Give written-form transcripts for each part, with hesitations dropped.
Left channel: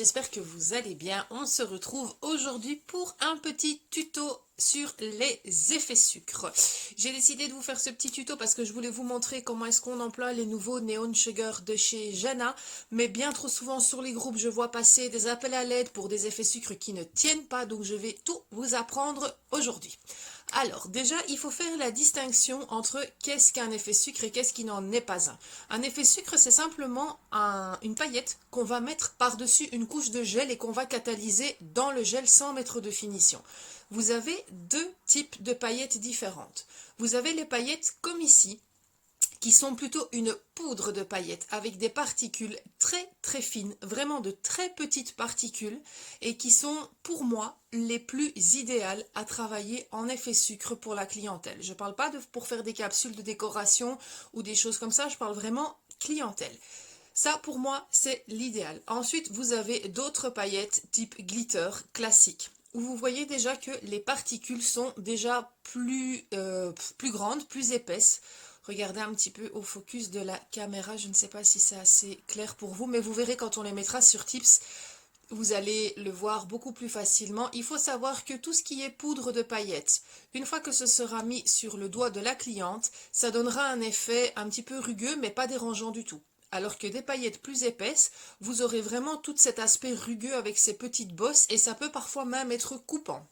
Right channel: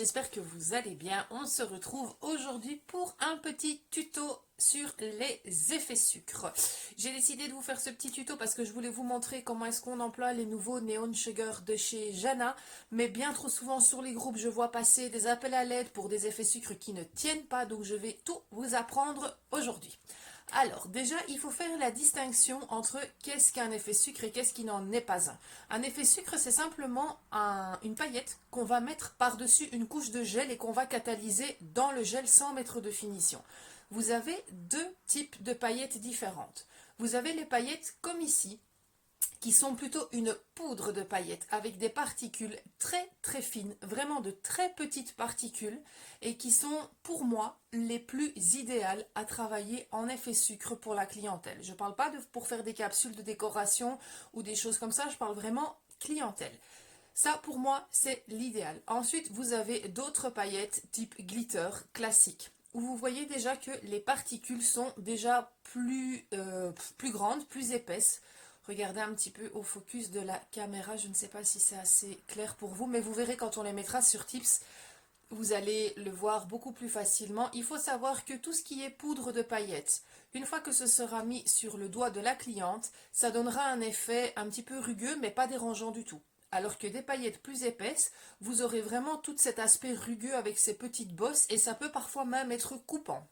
j'espère que vous allez bien. On se retrouve aujourd'hui pour un petit tuto sur les effets sucre. J'ai décidé de vous faire ce petit tuto parce que je voulais vous montrer comment est-ce qu'on emploie les nouveaux Neon Sugar de chez Jana. Mais bien trop souvent sur les groupes, je vois passer des appels à l'aide pour des effets sucre qui ne tiennent pas. Donc je vais tout vous apprendre aujourd'hui. Alors déjà, il faut faire la distinction entre qu'est-ce qu'un effet sucre et qu'est-ce qui n'en est pas un. Un effet sucre, c'est simplement une paillette qu'on va mettre par-dessus une couche de gel et qu'on va catalyser dans le gel sans mettre de finition. Vous avez deux types de paillettes différentes. Vous avez les paillettes comme ici, qui sont plutôt une poudre de paillettes avec des particules très très fines, vraiment de très petites particules et qui sont pour moi les plus idéales à travailler en effet sucre pour la clientèle. Je ne parle pas pour faire des capsules de décoration ou des choses comme ça, je parle vraiment clientèle. Ça pour moi c'est l'idéal. Ensuite vous avez d'autres paillettes type glitter classique où vous voyez déjà que les particules sont déjà plus grandes, plus épaisses. Regardez un petit peu au focus de la caméra, je ne sais pas si c'est assez clair pour vous, mais vous verrez quand on les mettra sur Tips, vous allez le voir beaucoup plus facilement. Il faut savoir que tout ce qui est poudre de paillettes, une fois que ce sera mis sur le doigt de la cliente, ça donnera un effet un petit peu rugueux, mais pas dérangeant du tout. Alors que des paillettes plus épaisses, vous aurez vraiment tout cet aspect rugueux avec ces petites bosses et ça peut parfois même être coupant.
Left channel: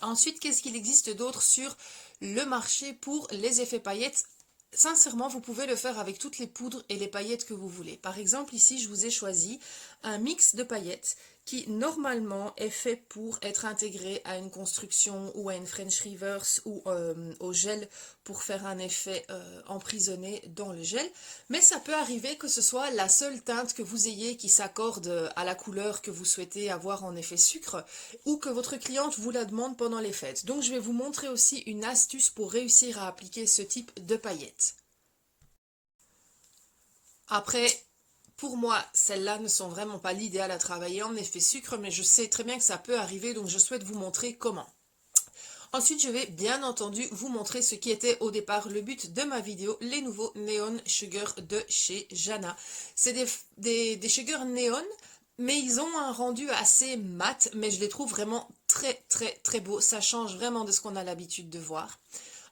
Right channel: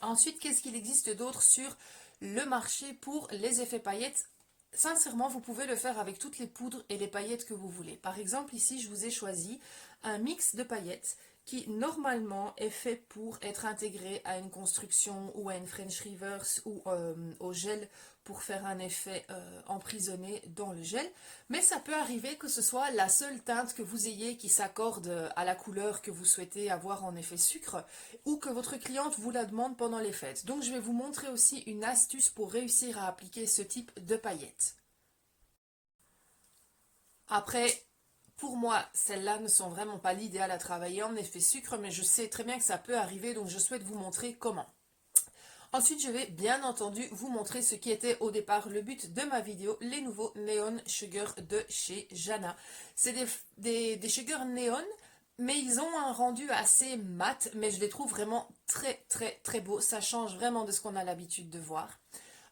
Ensuite, qu'est-ce qu'il existe d'autre sur le marché pour les effets paillettes? Sincèrement, vous pouvez le faire avec toutes les poudres et les paillettes que vous voulez. Par exemple, ici, je vous ai choisi un mix de paillettes qui, normalement, est fait pour être intégré à une construction ou à une French reverse ou au gel pour faire un effet emprisonné dans le gel. Mais ça peut arriver que ce soit la seule teinte que vous ayez qui s'accorde à la couleur que vous souhaitez avoir en effet sucre ou que votre cliente vous la demande pendant les fêtes. Donc, je vais vous montrer aussi une astuce pour réussir à appliquer ce type de paillettes. Après, pour moi, celles-là ne sont vraiment pas l'idéal à travailler en effet sucre, mais je sais très bien que ça peut arriver, donc je souhaite vous montrer comment. Ensuite, je vais bien entendu vous montrer ce qui était au départ le but de ma vidéo, les nouveaux Neon Sugar de chez Jana. C'est des Sugar Neon, mais ils ont un rendu assez mat, mais je les trouve vraiment très très très beaux. Ça change vraiment de ce qu'on a l'habitude de voir.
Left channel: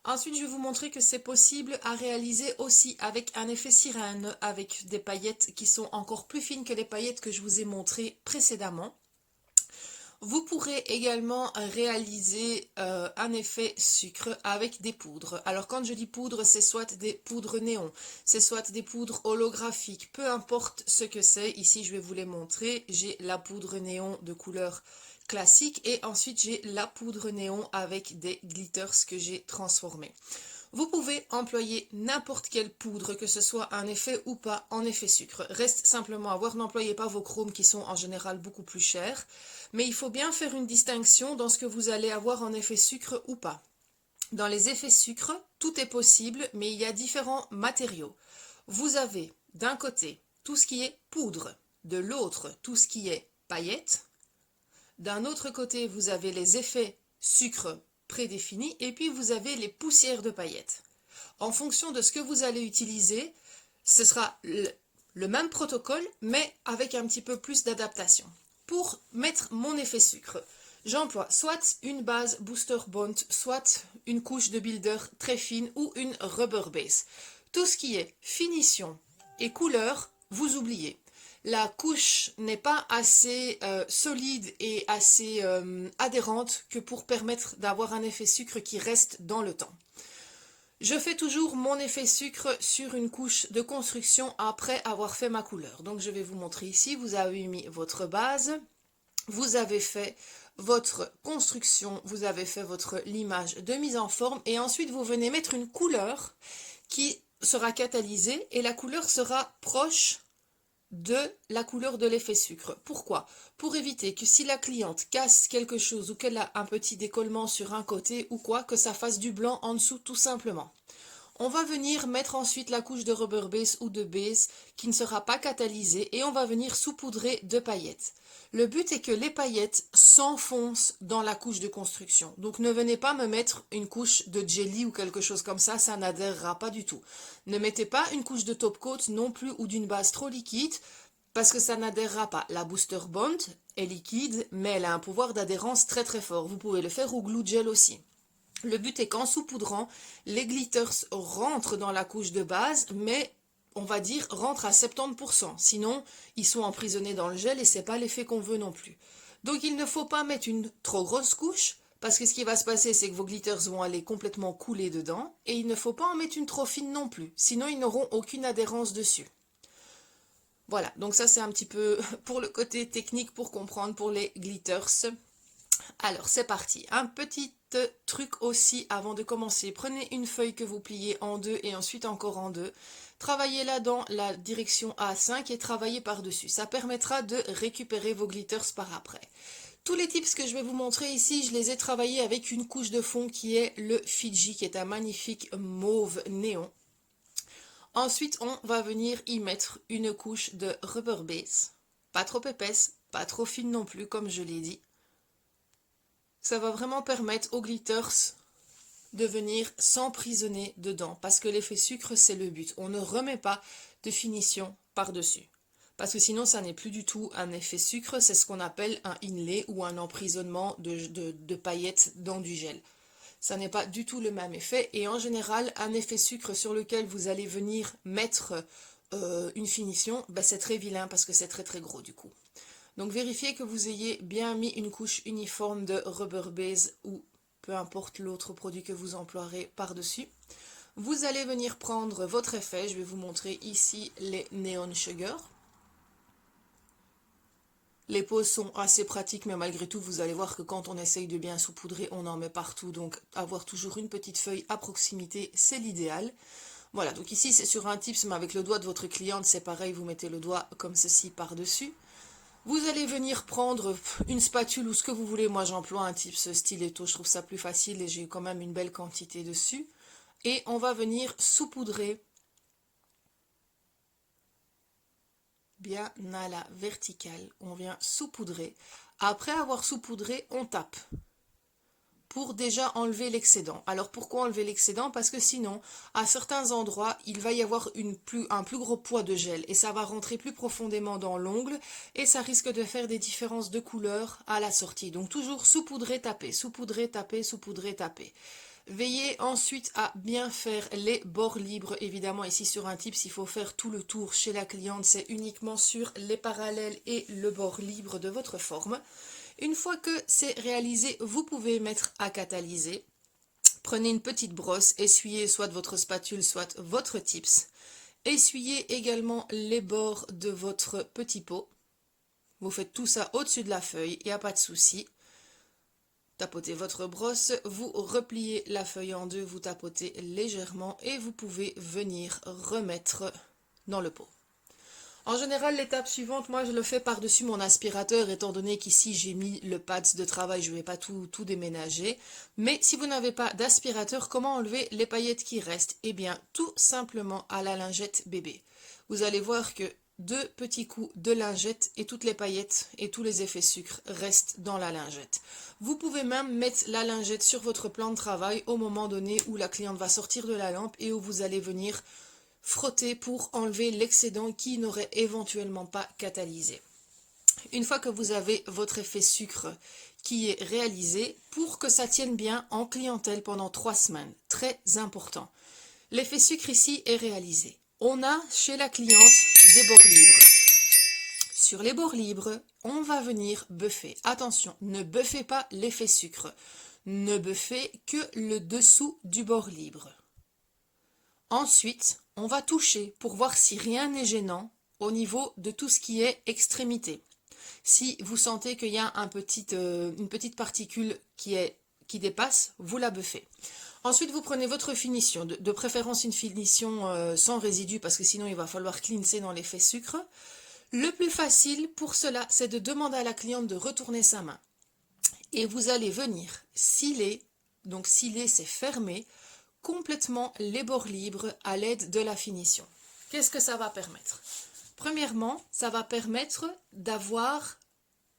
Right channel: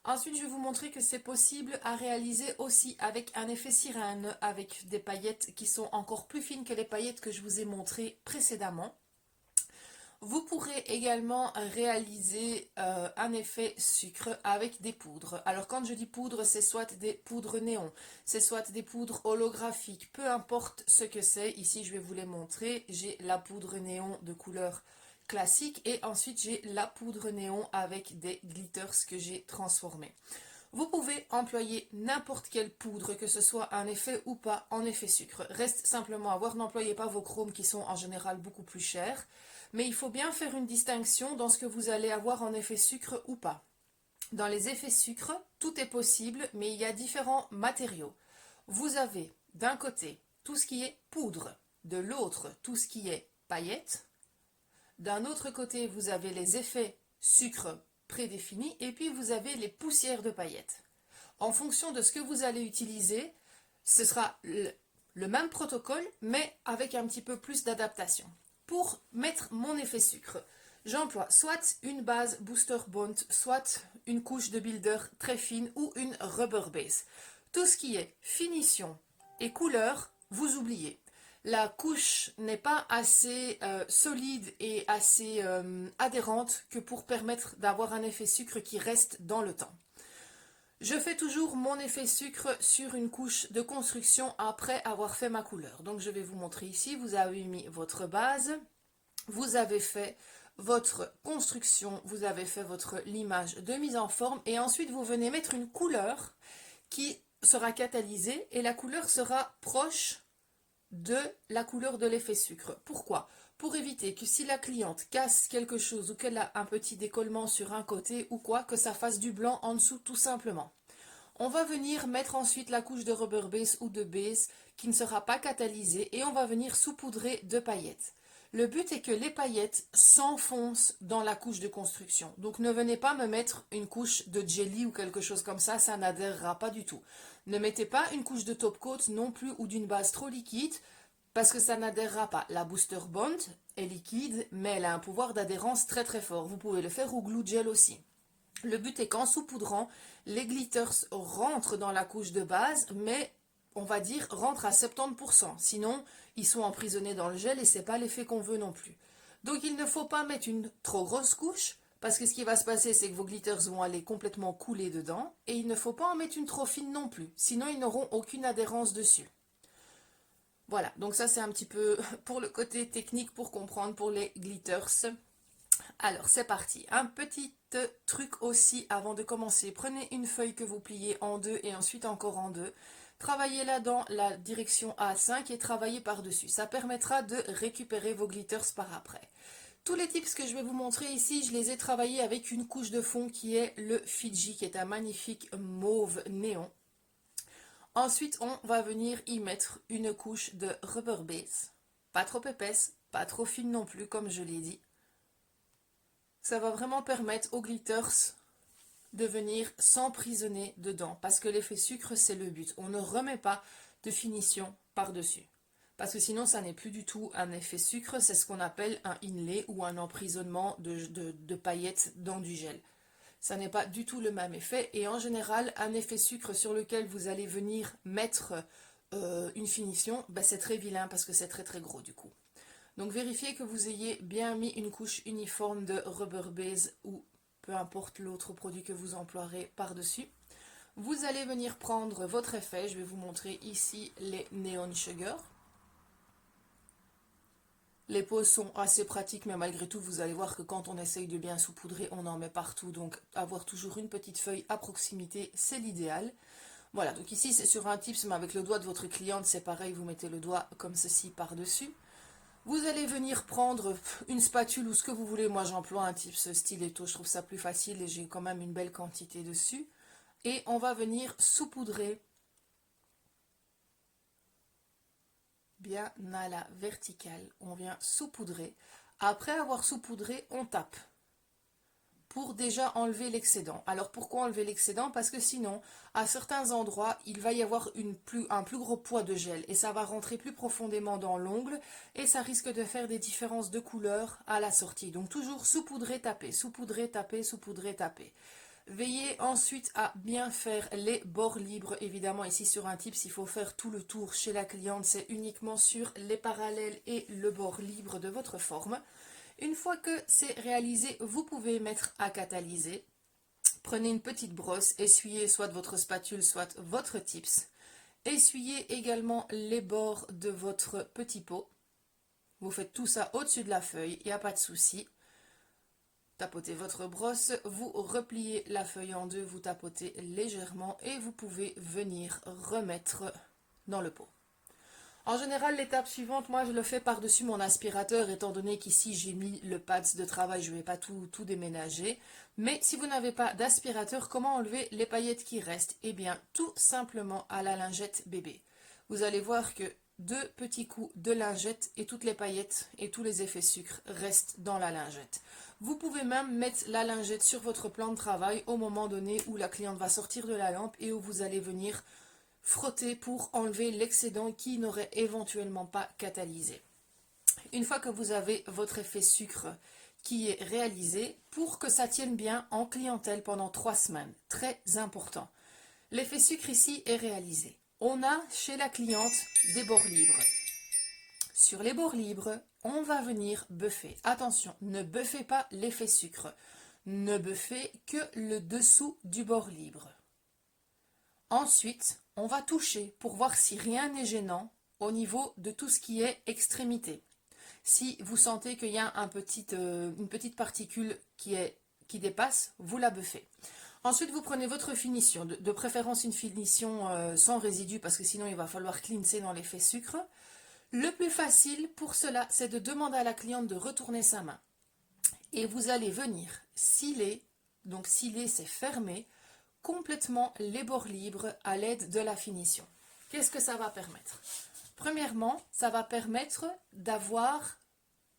Ensuite, je vais vous montrer que c'est possible à réaliser aussi avec un effet sirène, avec des paillettes qui sont encore plus fines que les paillettes que je vous ai montrées précédemment. Vous pourrez également réaliser un effet sucre avec des poudres. Alors quand je dis poudre, c'est soit des poudres néon, c'est soit des poudres holographiques, peu importe ce que c'est. Ici, je vais vous les montrer. J'ai la poudre néon de couleur classique et ensuite j'ai la poudre néon avec des glitters que j'ai transformés. Vous pouvez employer n'importe quelle poudre, que ce soit un effet ou pas en effet sucre. Reste simplement à voir, n'employez pas vos chromes qui sont en général beaucoup plus chers. Mais il faut bien faire une distinction dans ce que vous allez avoir en effet sucre ou pas. Dans les effets sucre, tout est possible, mais il y a différents matériaux. Vous avez d'un côté tout ce qui est poudre, de l'autre tout ce qui est paillettes. D'un autre côté, vous avez les effets sucre prédéfinis et puis vous avez les poussières de paillettes. En fonction de ce que vous allez utiliser, ce sera le même protocole, mais avec un petit peu plus d'adaptation. Pour mettre mon effet sucre, j'emploie soit une base Booster Bond, soit une couche de builder très fine ou une rubber base. Tout ce qui est finition et couleur, vous oubliez. La couche n'est pas assez solide et assez adhérente que pour permettre d'avoir un effet sucre qui reste dans le temps. Je fais toujours mon effet sucre sur une couche de construction après avoir fait ma couleur. Donc je vais vous montrer ici, vous avez mis votre base, vous avez fait votre construction, vous avez fait votre limage de mise en forme et ensuite vous venez mettre une couleur qui sera catalysée et la couleur sera proche de la couleur de l'effet sucre. Pourquoi? Pour éviter que si la cliente casse quelque chose ou qu'elle a un petit décollement sur un côté ou quoi, que ça fasse du blanc en dessous tout simplement. On va venir mettre ensuite la couche de rubber base ou de base qui ne sera pas catalysée et on va venir saupoudrer de paillettes. Le but est que les paillettes s'enfoncent dans la couche de construction. Donc ne venez pas me mettre une couche de jelly ou quelque chose comme ça n'adhérera pas du tout. Ne mettez pas une couche de top coat non plus ou d'une base trop liquide. parce que ça n'adhérera pas. La Booster Bond est liquide, mais elle a un pouvoir d'adhérence très très fort. Vous pouvez le faire au glue gel aussi. Le but est qu'en saupoudrant, les glitters rentrent dans la couche de base, mais on va dire rentrent à 70%. Sinon, ils sont emprisonnés dans le gel et c'est pas l'effet qu'on veut non plus. Donc il ne faut pas mettre une trop grosse couche, parce que ce qui va se passer, c'est que vos glitters vont aller complètement couler dedans, et il ne faut pas en mettre une trop fine non plus, sinon ils n'auront aucune adhérence dessus. Voilà, donc ça c'est un petit peu pour le côté technique pour comprendre pour les glitters. Alors c'est parti, un petit truc aussi avant de commencer. Prenez une feuille que vous pliez en deux et ensuite encore en deux. Travaillez-la dans la direction A5 et travaillez par-dessus. Ça permettra de récupérer vos glitters par après. Tous les tips que je vais vous montrer ici, je les ai travaillés avec une couche de fond qui est le Fiji, qui est un magnifique mauve néon. Ensuite, on va venir y mettre une couche de rubber base. Pas trop épaisse, pas trop fine non plus, comme je l'ai dit. Ça va vraiment permettre aux glitters de venir s'emprisonner dedans, parce que l'effet sucre, c'est le but. On ne remet pas de finition par-dessus. Parce que sinon, ça n'est plus du tout un effet sucre, c'est ce qu'on appelle un inlay ou un emprisonnement de paillettes dans du gel. Ça n'est pas du tout le même effet et en général, un effet sucre sur lequel vous allez venir mettre une finition, ben c'est très vilain parce que c'est très très gros du coup. Donc vérifiez que vous ayez bien mis une couche uniforme de rubber base ou peu importe l'autre produit que vous emploierez par-dessus. Vous allez venir prendre votre effet, je vais vous montrer ici les Neon Sugar. Les poses sont assez pratiques, mais malgré tout, vous allez voir que quand on essaye de bien saupoudrer, on en met partout. Donc, avoir toujours une petite feuille à proximité, c'est l'idéal. Voilà, donc ici, c'est sur un tips, mais avec le doigt de votre cliente, c'est pareil, vous mettez le doigt comme ceci par-dessus. Vous allez venir prendre une spatule ou ce que vous voulez. Moi, j'emploie un tips stiletto, je trouve ça plus facile et j'ai quand même une belle quantité dessus. Et on va venir saupoudrer bien à la verticale. On vient saupoudrer. Après avoir saupoudré, on tape pour déjà enlever l'excédent. Alors pourquoi enlever l'excédent? Parce que sinon, à certains endroits, il va y avoir un plus gros poids de gel et ça va rentrer plus profondément dans l'ongle et ça risque de faire des différences de couleur à la sortie. Donc toujours saupoudrer, taper, saupoudrer, taper, saupoudrer, taper. Veillez ensuite à bien faire les bords libres. Évidemment, ici sur un tips, il faut faire tout le tour chez la cliente. C'est uniquement sur les parallèles et le bord libre de votre forme. Une fois que c'est réalisé, vous pouvez mettre à catalyser. Prenez une petite brosse, essuyez soit votre spatule, soit votre tips. Essuyez également les bords de votre petit pot. Vous faites tout ça au-dessus de la feuille, il n'y a pas de souci. Tapotez votre brosse, vous repliez la feuille en deux, vous tapotez légèrement et vous pouvez venir remettre dans le pot. En général, l'étape suivante, moi je le fais par-dessus mon aspirateur, étant donné qu'ici j'ai mis le pads de travail, je ne vais pas tout déménager. Mais si vous n'avez pas d'aspirateur, comment enlever les paillettes qui restent? Eh bien, tout simplement à la lingette bébé. Vous allez voir que 2 petits coups de lingette et toutes les paillettes et tous les effets sucre restent dans la lingette. Vous pouvez même mettre la lingette sur votre plan de travail au moment donné où la cliente va sortir de la lampe et où vous allez venir frotter pour enlever l'excédent qui n'aurait éventuellement pas catalysé. Une fois que vous avez votre effet sucre qui est réalisé, pour que ça tienne bien en clientèle pendant 3 semaines, très important. L'effet sucre ici est réalisé. On a chez la cliente des bords libres. Sur les bords libres, on va venir buffer. Attention, ne buffez pas l'effet sucre. Ne buffez que le dessous du bord libre. Ensuite, on va toucher pour voir si rien n'est gênant au niveau de tout ce qui est extrémité. Si vous sentez qu'il y a une petite particule qui dépasse, vous la buffez. Ensuite, vous prenez votre finition, de préférence une finition sans résidus parce que sinon il va falloir cleanser dans l'effet sucre. Le plus facile pour cela, c'est de demander à la cliente de retourner sa main. Et vous allez venir sciller, donc sciller c'est fermer, complètement les bords libres à l'aide de la finition. Qu'est-ce que ça va permettre? Premièrement, ça va permettre d'avoir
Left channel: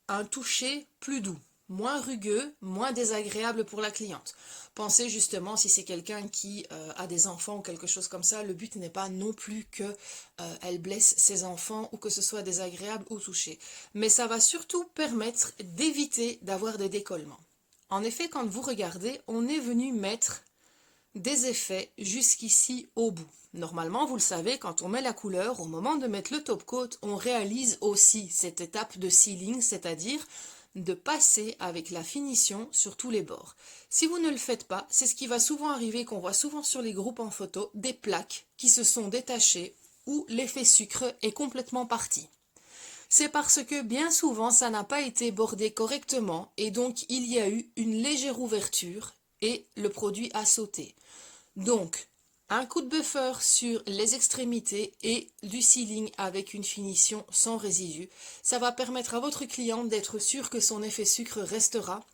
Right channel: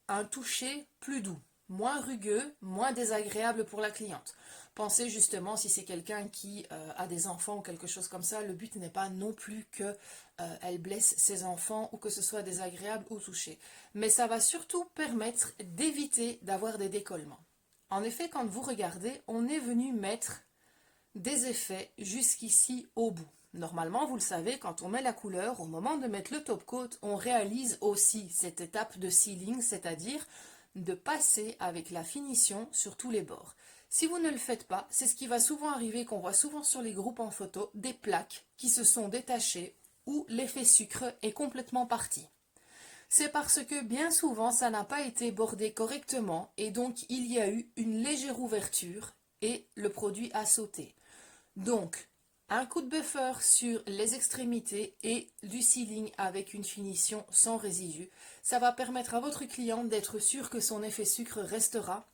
un toucher plus doux. moins rugueux, moins désagréable pour la cliente. Pensez justement si c'est quelqu'un qui a des enfants ou quelque chose comme ça, le but n'est pas non plus que elle blesse ses enfants ou que ce soit désagréable ou touché. Mais ça va surtout permettre d'éviter d'avoir des décollements. En effet, quand vous regardez, on est venu mettre des effets jusqu'ici au bout. Normalement, vous le savez, quand on met la couleur, au moment de mettre le top coat, on réalise aussi cette étape de sealing, c'est-à-dire de passer avec la finition sur tous les bords. Si vous ne le faites pas, c'est ce qui va souvent arriver, qu'on voit souvent sur les groupes en photo, des plaques qui se sont détachées ou l'effet sucre est complètement parti. C'est parce que bien souvent ça n'a pas été bordé correctement et donc il y a eu une légère ouverture et le produit a sauté. Donc, un coup de buffer sur les extrémités et du sealing avec une finition sans résidus. Ça va permettre à votre cliente d'être sûr que son effet sucre restera.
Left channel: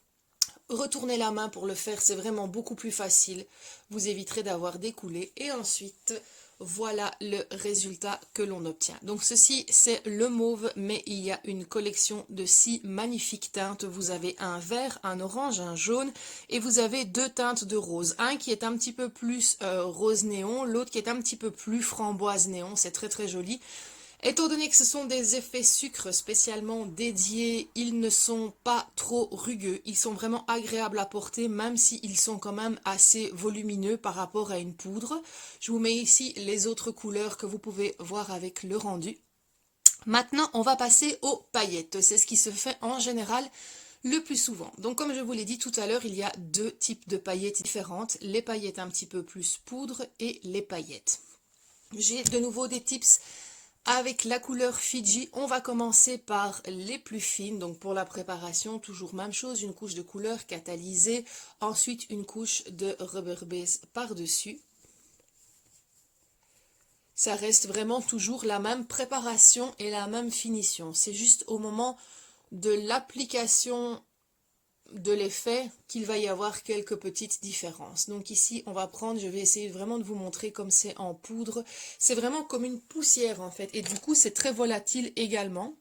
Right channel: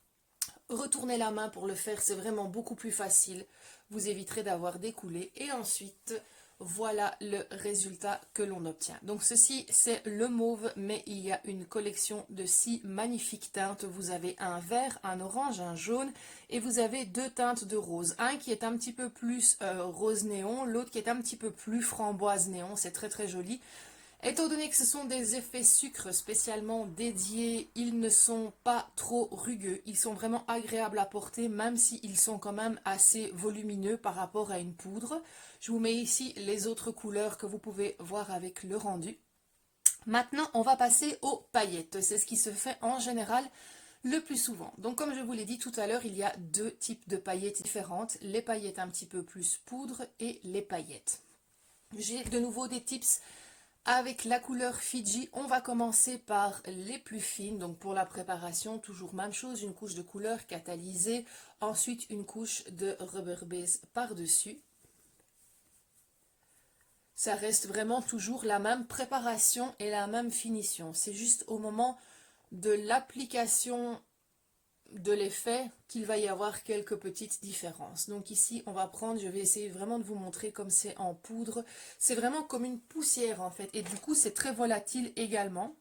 Retournez la main pour le faire, c'est vraiment beaucoup plus facile. Vous éviterez d'avoir des coulées et ensuite, voilà le résultat que l'on obtient. Donc ceci, c'est le mauve, mais il y a une collection de 6 magnifiques teintes. Vous avez un vert, un orange, un jaune et vous avez 2 teintes de rose. Un qui est un petit peu plus rose néon, l'autre qui est un petit peu plus framboise néon. C'est très très joli. Étant donné que ce sont des effets sucre spécialement dédiés, ils ne sont pas trop rugueux, ils sont vraiment agréables à porter même s'ils sont quand même assez volumineux par rapport à une poudre. Je vous mets ici les autres couleurs que vous pouvez voir avec le rendu. Maintenant, on va passer aux paillettes, c'est ce qui se fait en général le plus souvent. Donc comme je vous l'ai dit tout à l'heure, il y a 2 types de paillettes différentes, les paillettes un petit peu plus poudre et les paillettes. J'ai de nouveau des tips avec la couleur Fiji. On va commencer par les plus fines, donc pour la préparation, toujours même chose, une couche de couleur catalysée, ensuite une couche de rubber base par-dessus. Ça reste vraiment toujours la même préparation et la même finition. C'est juste au moment de l'application de l'effet qu'il va y avoir quelques petites différences. Donc ici on va prendre, je vais essayer vraiment de vous montrer comme c'est en poudre, c'est vraiment comme une poussière en fait et du coup c'est très volatile également.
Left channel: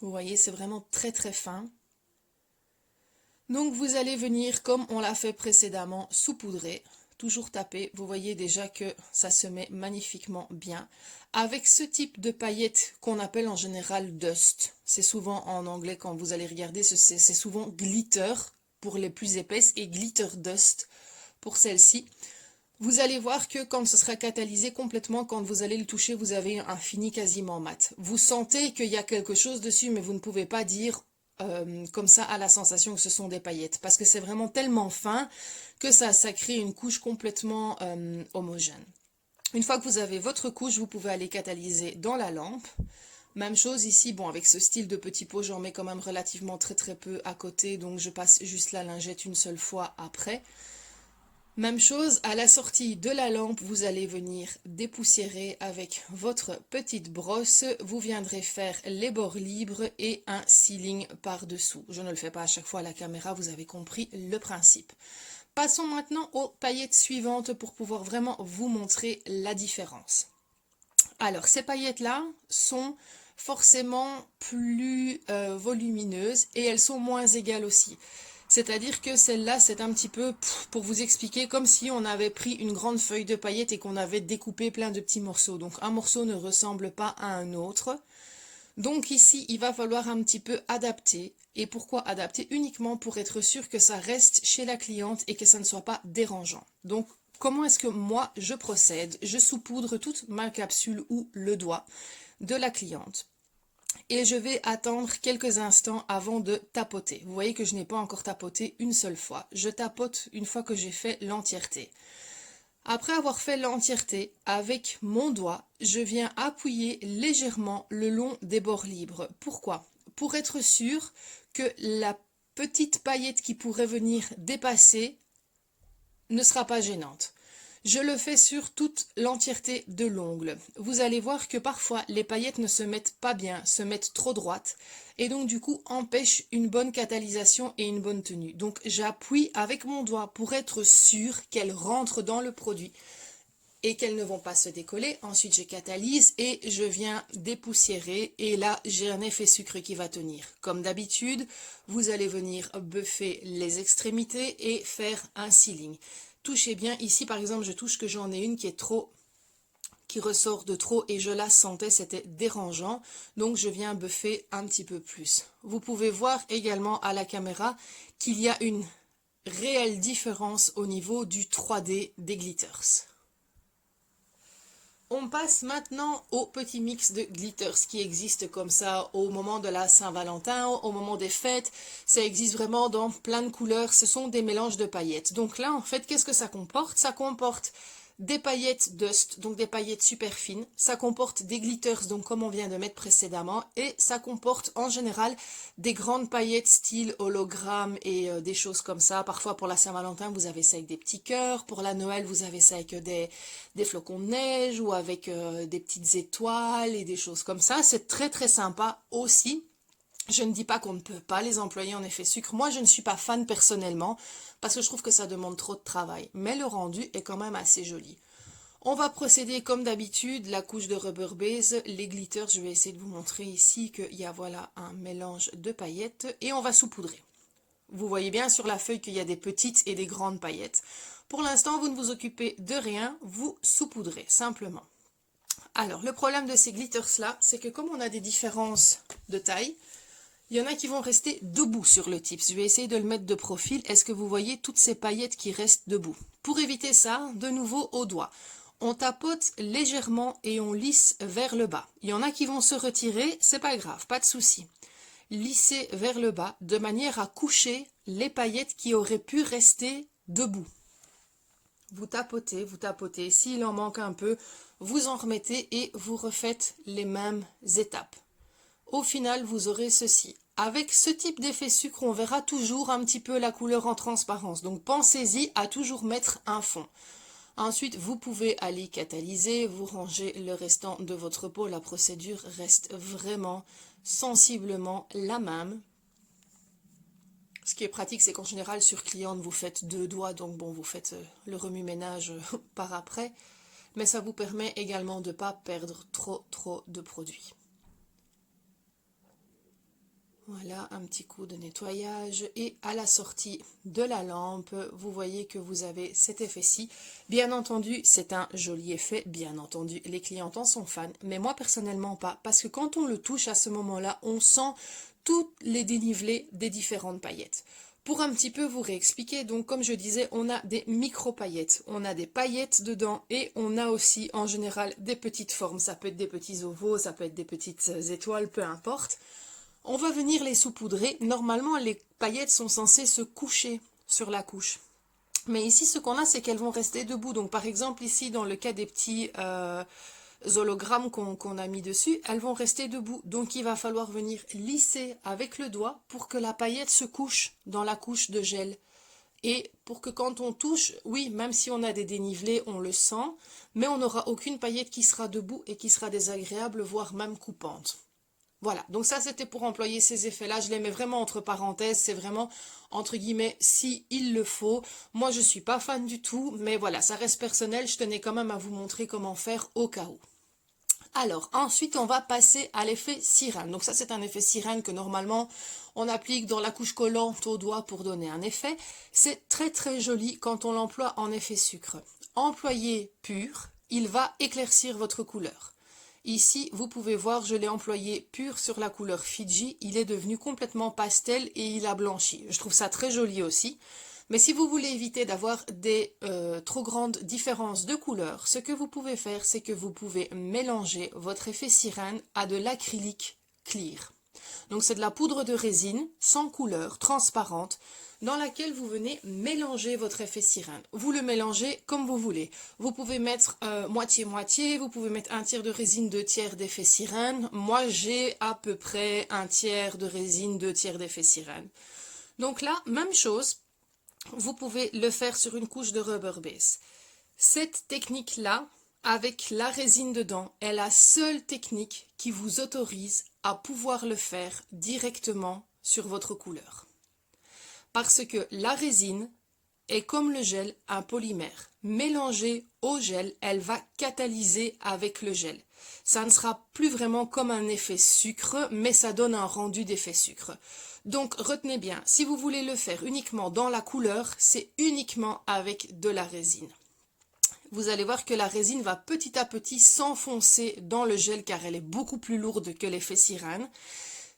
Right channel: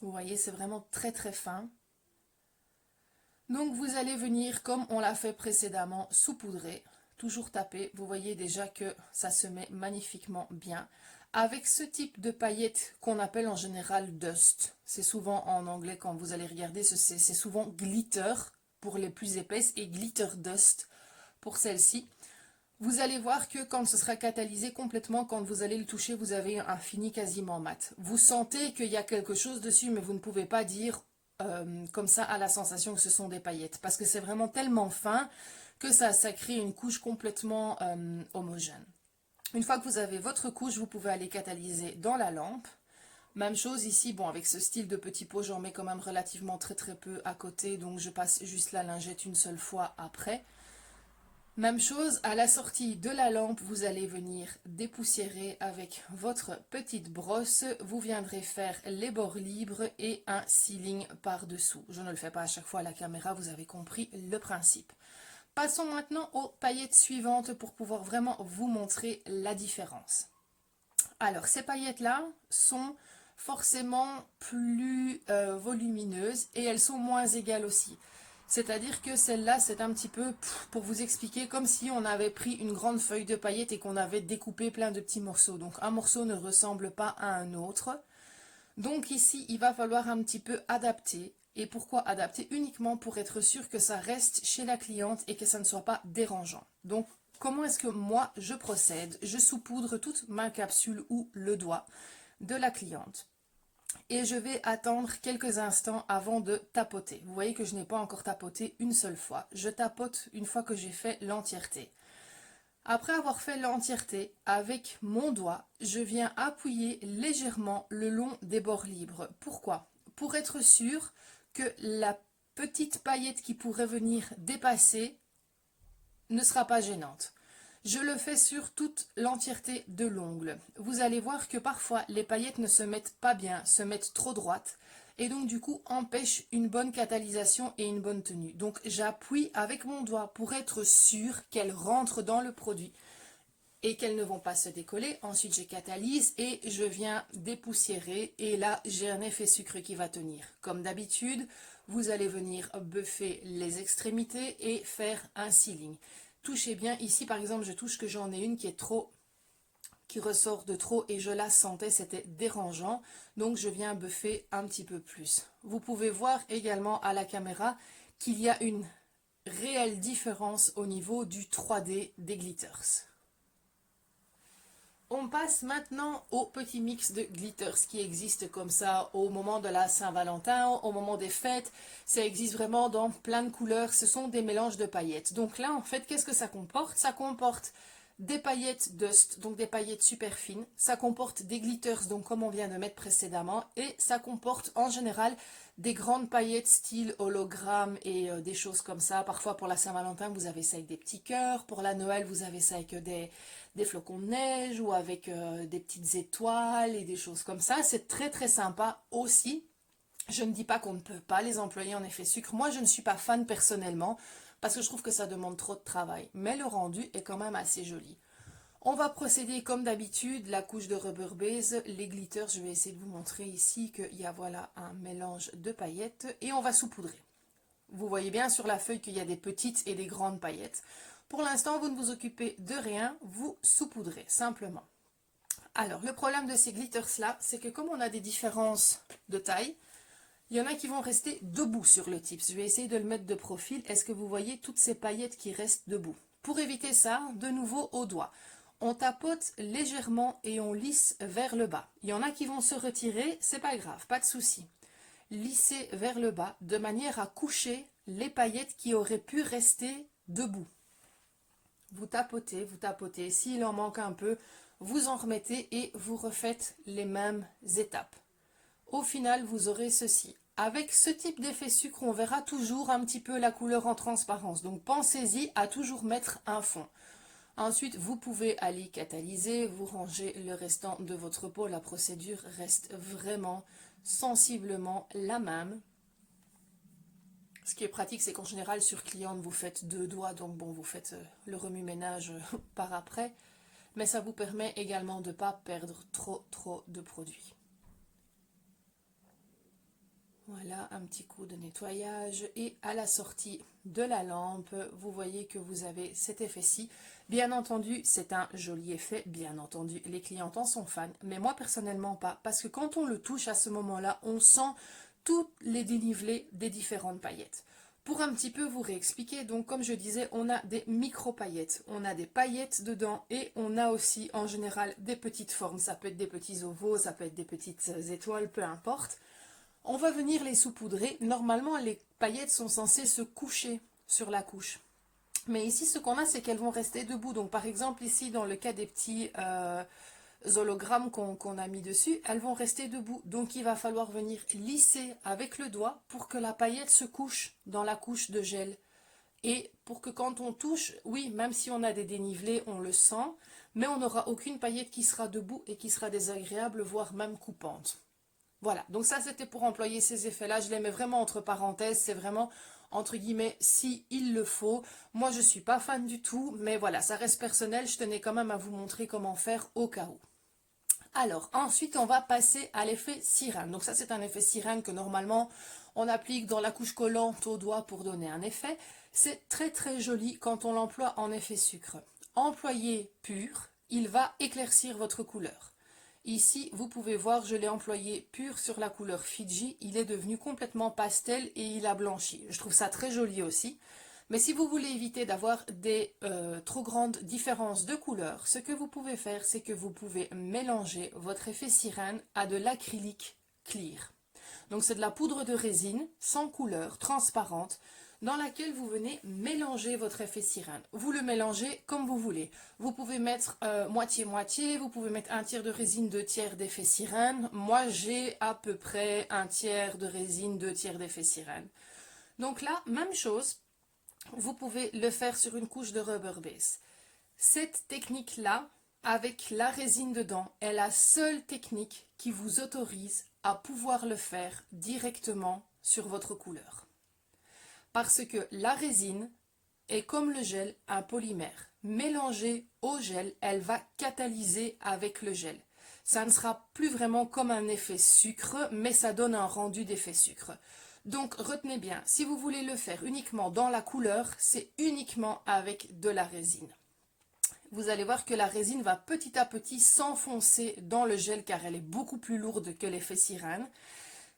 Vous voyez, c'est vraiment très très fin. Donc vous allez venir comme on l'a fait précédemment, saupoudrer, toujours taper. Vous voyez déjà que ça se met magnifiquement bien. Avec ce type de paillettes qu'on appelle en général dust. C'est souvent en anglais quand vous allez regarder, c'est souvent glitter pour les plus épaisses et glitter dust pour celle-ci. Vous allez voir que quand ce sera catalysé complètement, quand vous allez le toucher, vous avez un fini quasiment mat. Vous sentez qu'il y a quelque chose dessus, mais vous ne pouvez pas dire comme ça à la sensation que ce sont des paillettes. Parce que c'est vraiment tellement fin que ça crée une couche complètement homogène. Une fois que vous avez votre couche, vous pouvez aller catalyser dans la lampe. Même chose ici, bon avec ce style de petit pot, j'en mets quand même relativement très peu à côté, donc je passe juste la lingette une seule fois après. Même chose, à la sortie de la lampe, vous allez venir dépoussiérer avec votre petite brosse. Vous viendrez faire les bords libres et un sealing par-dessous. Je ne le fais pas à chaque fois à la caméra, vous avez compris le principe. Passons maintenant aux paillettes suivantes pour pouvoir vraiment vous montrer la différence. Alors, ces paillettes-là sont forcément plus volumineuses et elles sont moins égales aussi. C'est-à-dire que celle-là, c'est un petit peu, pour vous expliquer, comme si on avait pris une grande feuille de paillettes et qu'on avait découpé plein de petits morceaux. Donc un morceau ne ressemble pas à un autre. Donc ici, il va falloir un petit peu adapter. Et pourquoi adapter? Uniquement pour être sûr que ça reste chez la cliente et que ça ne soit pas dérangeant. Donc comment est-ce que moi je procède? Je saupoudre toute ma capsule ou le doigt de la cliente. Et je vais attendre quelques instants avant de tapoter. Vous voyez que je n'ai pas encore tapoté une seule fois. Je tapote une fois que j'ai fait l'entièreté. Après avoir fait l'entièreté, avec mon doigt, je viens appuyer légèrement le long des bords libres. Pourquoi? Pour être sûr que la petite paillette qui pourrait venir dépasser ne sera pas gênante. Je le fais sur toute l'entièreté de l'ongle. Vous allez voir que parfois les paillettes ne se mettent pas bien, se mettent trop droites et donc du coup empêchent une bonne catalysation et une bonne tenue. Donc j'appuie avec mon doigt pour être sûr qu'elle rentre dans le produit et qu'elles ne vont pas se décoller. Ensuite, je catalyse et je viens dépoussiérer et là, j'ai un effet sucre qui va tenir. Comme d'habitude, vous allez venir buffer les extrémités et faire un sealing. Touchez bien. Ici, par exemple, je touche que j'en ai une qui est trop, qui ressort de trop et je la sentais, c'était dérangeant. Donc, je viens buffer un petit peu plus. Vous pouvez voir également à la caméra qu'il y a une réelle différence au niveau du 3D des glitters. On passe maintenant au petit mix de glitters qui existe comme ça au moment de la Saint-Valentin, au moment des fêtes. Ça existe vraiment dans plein de couleurs. Ce sont des mélanges de paillettes. Donc là, en fait, qu'est-ce que ça comporte? Ça comporte des paillettes dust, donc des paillettes super fines. Ça comporte des glitters, donc comme on vient de mettre précédemment. Et ça comporte en général des grandes paillettes style hologramme et des choses comme ça. Parfois pour la Saint-Valentin, vous avez ça avec des petits cœurs. Pour la Noël, vous avez ça avec des flocons de neige ou avec des petites étoiles et des choses comme ça. C'est très très sympa aussi. Je ne dis pas qu'on ne peut pas les employer en effet sucre. Moi, je ne suis pas fan personnellement parce que je trouve que ça demande trop de travail. Mais le rendu est quand même assez joli. On va procéder comme d'habitude, la couche de rubber base, les glitters. Je vais essayer de vous montrer ici qu'il y a voilà un mélange de paillettes et on va saupoudrer. Vous voyez bien sur la feuille qu'il y a des petites et des grandes paillettes. Pour l'instant, vous ne vous occupez de rien, vous saupoudrez simplement. Alors, le problème de ces glitters-là, c'est que comme on a des différences de taille, il y en a qui vont rester debout sur le tips. Je vais essayer de le mettre de profil. Est-ce que vous voyez toutes ces paillettes qui restent debout? Pour éviter ça, de nouveau au doigt. On tapote légèrement et on lisse vers le bas. Il y en a qui vont se retirer, c'est pas grave, pas de souci. Lissez vers le bas de manière à coucher les paillettes qui auraient pu rester debout. Vous tapotez. S'il en manque un peu, vous en remettez et vous refaites les mêmes étapes. Au final, vous aurez ceci. Avec ce type d'effet sucre, on verra toujours un petit peu la couleur en transparence. Donc, pensez-y à toujours mettre un fond. Ensuite, vous pouvez aller catalyser, vous rangez le restant de votre pot. La procédure reste vraiment sensiblement la même. Ce qui est pratique, c'est qu'en général, sur cliente, vous faites 2 doigts. Donc, bon, vous faites le remue-ménage par après. Mais ça vous permet également de ne pas perdre trop de produits. Voilà, un petit coup de nettoyage et à la sortie de la lampe, vous voyez que vous avez cet effet-ci. Bien entendu, c'est un joli effet, bien entendu, les clientes en sont fans, mais moi personnellement pas, parce que quand on le touche à ce moment-là, on sent tous les dénivelés des différentes paillettes. Pour un petit peu vous réexpliquer, donc comme je disais, on a des micro-paillettes, on a des paillettes dedans et on a aussi en général des petites formes, ça peut être des petits ovaux, ça peut être des petites étoiles, peu importe. On va venir les saupoudrer. Normalement, les paillettes sont censées se coucher sur la couche. Mais ici, ce qu'on a, c'est qu'elles vont rester debout. Donc, par exemple, ici, dans le cas des petits hologrammes qu'on a mis dessus, elles vont rester debout. Donc, il va falloir venir lisser avec le doigt pour que la paillette se couche dans la couche de gel. Et pour que quand on touche, oui, même si on a des dénivelés, on le sent, mais on n'aura aucune paillette qui sera debout et qui sera désagréable, voire même coupante. Voilà, donc ça c'était pour employer ces effets-là, je les mets vraiment entre parenthèses, c'est vraiment entre guillemets si il le faut. Moi je ne suis pas fan du tout, mais voilà, ça reste personnel, je tenais quand même à vous montrer comment faire au cas où. Alors ensuite on va passer à l'effet sirène. Donc ça c'est un effet sirène que normalement on applique dans la couche collante au doigt pour donner un effet. C'est très très joli quand on l'emploie en effet sucre. Employé pur, il va éclaircir votre couleur. Ici, vous pouvez voir, je l'ai employé pur sur la couleur Fiji. Il est devenu complètement pastel et il a blanchi. Je trouve ça très joli aussi. Mais si vous voulez éviter d'avoir des trop grandes différences de couleurs, ce que vous pouvez faire, c'est que vous pouvez mélanger votre effet sirène à de l'acrylique clear. Donc c'est de la poudre de résine sans couleur, transparente, dans laquelle vous venez mélanger votre effet sirène. Vous le mélangez comme vous voulez. Vous pouvez mettre moitié-moitié, vous pouvez mettre 1/3 de résine, 2/3 d'effet sirène. Moi, j'ai à peu près 1/3 de résine, 2/3 d'effet sirène. Donc là, même chose, vous pouvez le faire sur une couche de rubber base. Cette technique-là, avec la résine dedans, est la seule technique qui vous autorise à pouvoir le faire directement sur votre couleur. Parce que la résine est comme le gel, un polymère. Mélangée au gel, elle va catalyser avec le gel. Ça ne sera plus vraiment comme un effet sucre, mais ça donne un rendu d'effet sucre. Donc retenez bien, si vous voulez le faire uniquement dans la couleur, c'est uniquement avec de la résine. Vous allez voir que la résine va petit à petit s'enfoncer dans le gel car elle est beaucoup plus lourde que l'effet Cyrane.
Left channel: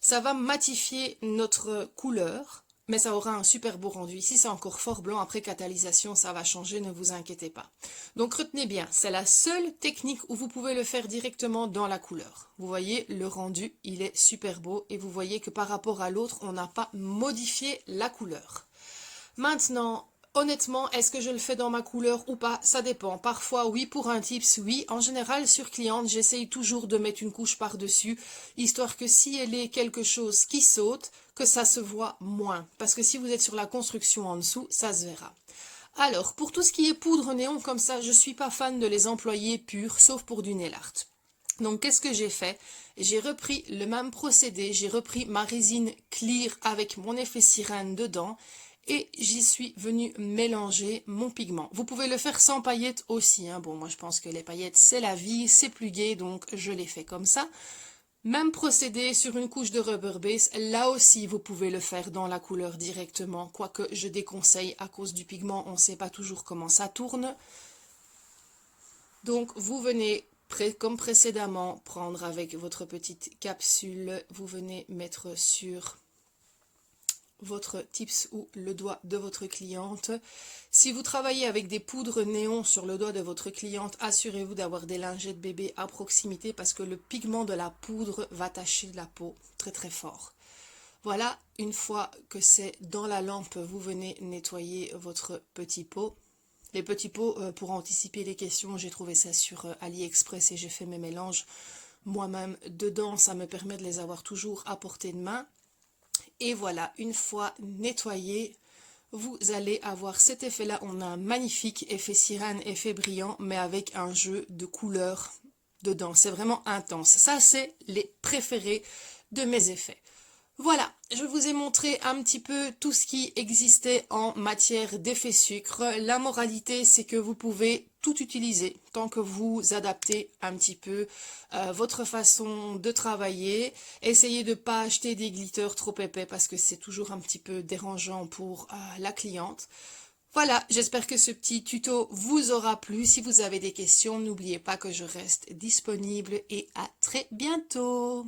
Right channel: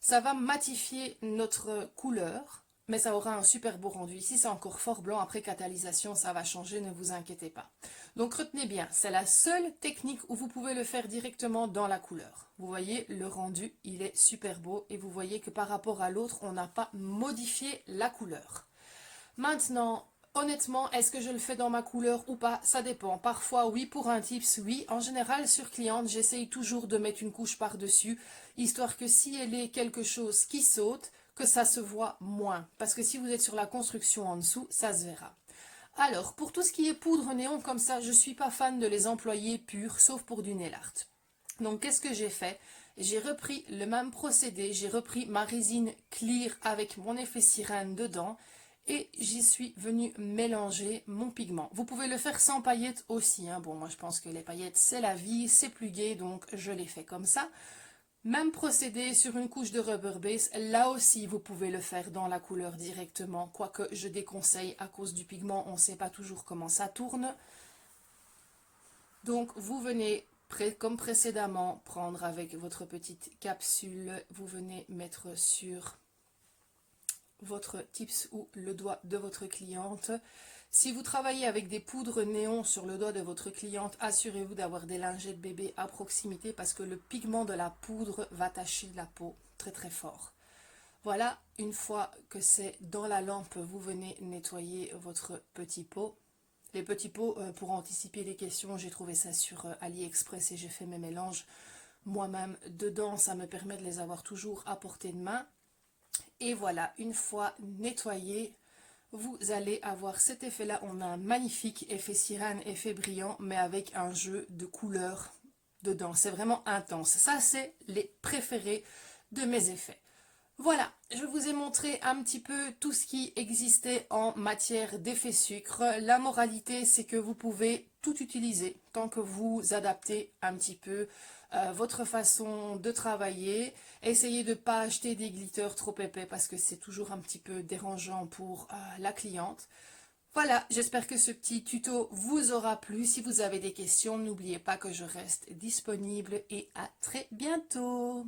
Ça va matifier notre couleur, mais ça aura un super beau rendu. Ici, c'est encore fort blanc. Après catalysation, ça va changer, ne vous inquiétez pas. Donc retenez bien, c'est la seule technique où vous pouvez le faire directement dans la couleur. Vous voyez, le rendu, il est super beau et vous voyez que par rapport à l'autre, on n'a pas modifié la couleur. Maintenant, honnêtement, est-ce que je le fais dans ma couleur ou pas? Ça dépend. Parfois, oui, pour un tips, oui. En général, sur cliente, j'essaye toujours de mettre une couche par-dessus, histoire que si elle est quelque chose qui saute, que ça se voit moins. Parce que si vous êtes sur la construction en dessous, ça se verra. Alors, pour tout ce qui est poudre néon comme ça, je ne suis pas fan de les employer purs, sauf pour du nail art. Donc, qu'est-ce que j'ai fait? J'ai repris le même procédé, j'ai repris ma résine clear avec mon effet Cyrane dedans et j'y suis venue mélanger mon pigment. Vous pouvez le faire sans paillettes aussi, hein. Bon, moi je pense que les paillettes c'est la vie, c'est plus gai, donc je l'ai fait comme ça. Même procédé sur une couche de rubber base, là aussi vous pouvez le faire dans la couleur directement, quoique je déconseille à cause du pigment, on ne sait pas toujours comment ça tourne. Donc vous venez, comme précédemment, prendre avec votre petite capsule, vous venez mettre sur votre tips ou le doigt de votre cliente. Si vous travaillez avec des poudres néon sur le doigt de votre cliente, assurez-vous d'avoir des lingettes bébé à proximité parce que le pigment de la poudre va tacher la peau très très fort. Voilà, une fois que c'est dans la lampe, vous venez nettoyer votre petit pot. Les petits pots, pour anticiper les questions, j'ai trouvé ça sur AliExpress et j'ai fait mes mélanges moi-même dedans. Ça me permet de les avoir toujours à portée de main. Et voilà, une fois nettoyé, vous allez avoir cet effet-là. On a un magnifique effet Cyrane, effet brillant, mais avec un jeu de couleurs dedans. C'est vraiment intense. Ça, c'est les préférés de mes effets. Voilà, je vous ai montré un petit peu tout ce qui existait en matière d'effet sucre. La moralité, c'est que vous pouvez tout utiliser tant que vous adaptez un petit peu votre façon de travailler. Essayez de ne pas acheter des glitters trop épais parce que c'est toujours un petit peu dérangeant pour la cliente. Voilà, j'espère que ce petit tuto vous aura plu. Si vous avez des questions, n'oubliez pas que je reste disponible et à très bientôt.